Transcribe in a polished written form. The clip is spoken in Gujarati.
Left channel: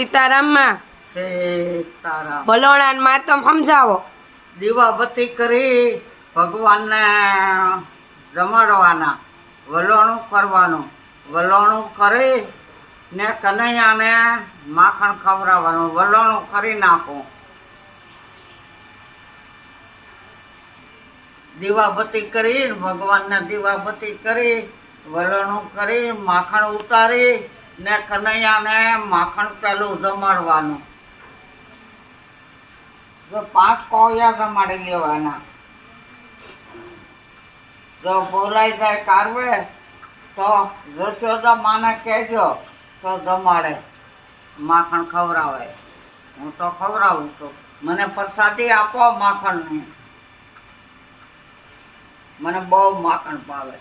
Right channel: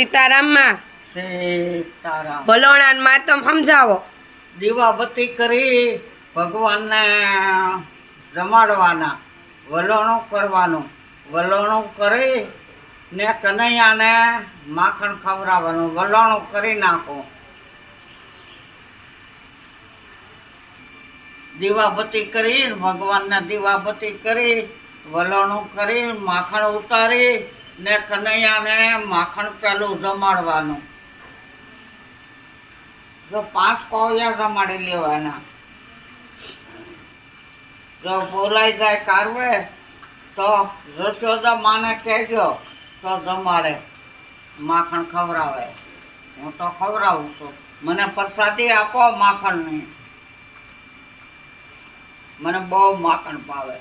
સીતારામમાં સીતારામ. વલોણાન માતમ સમજાવો. દીવાબત્તી કરી ભગવાનને જમાડવાના, વલોણું કરવાનું, વલોણું કરી ને કનૈયાને માખણ ખવડાવવાનું, વલોણું કરી નાખું. દીવાબત્તી કરી ભગવાનને દીવાબત્તી કરી વલોણું કરી માખણ ઉતારી ને કનૈયાને માખણ પેલું જમાડવાનું. જો 5 કોળિયા જમાડી લેવાના. જો બોલાઈ જાય કારવે તો જશોદા માને કહેજો તો જમાડે, માખણ ખવડાવે. હું તો ખવડાવું છું. મને પ્રસાદી આપો માખણની. મને બહુ માખણ ભાવે.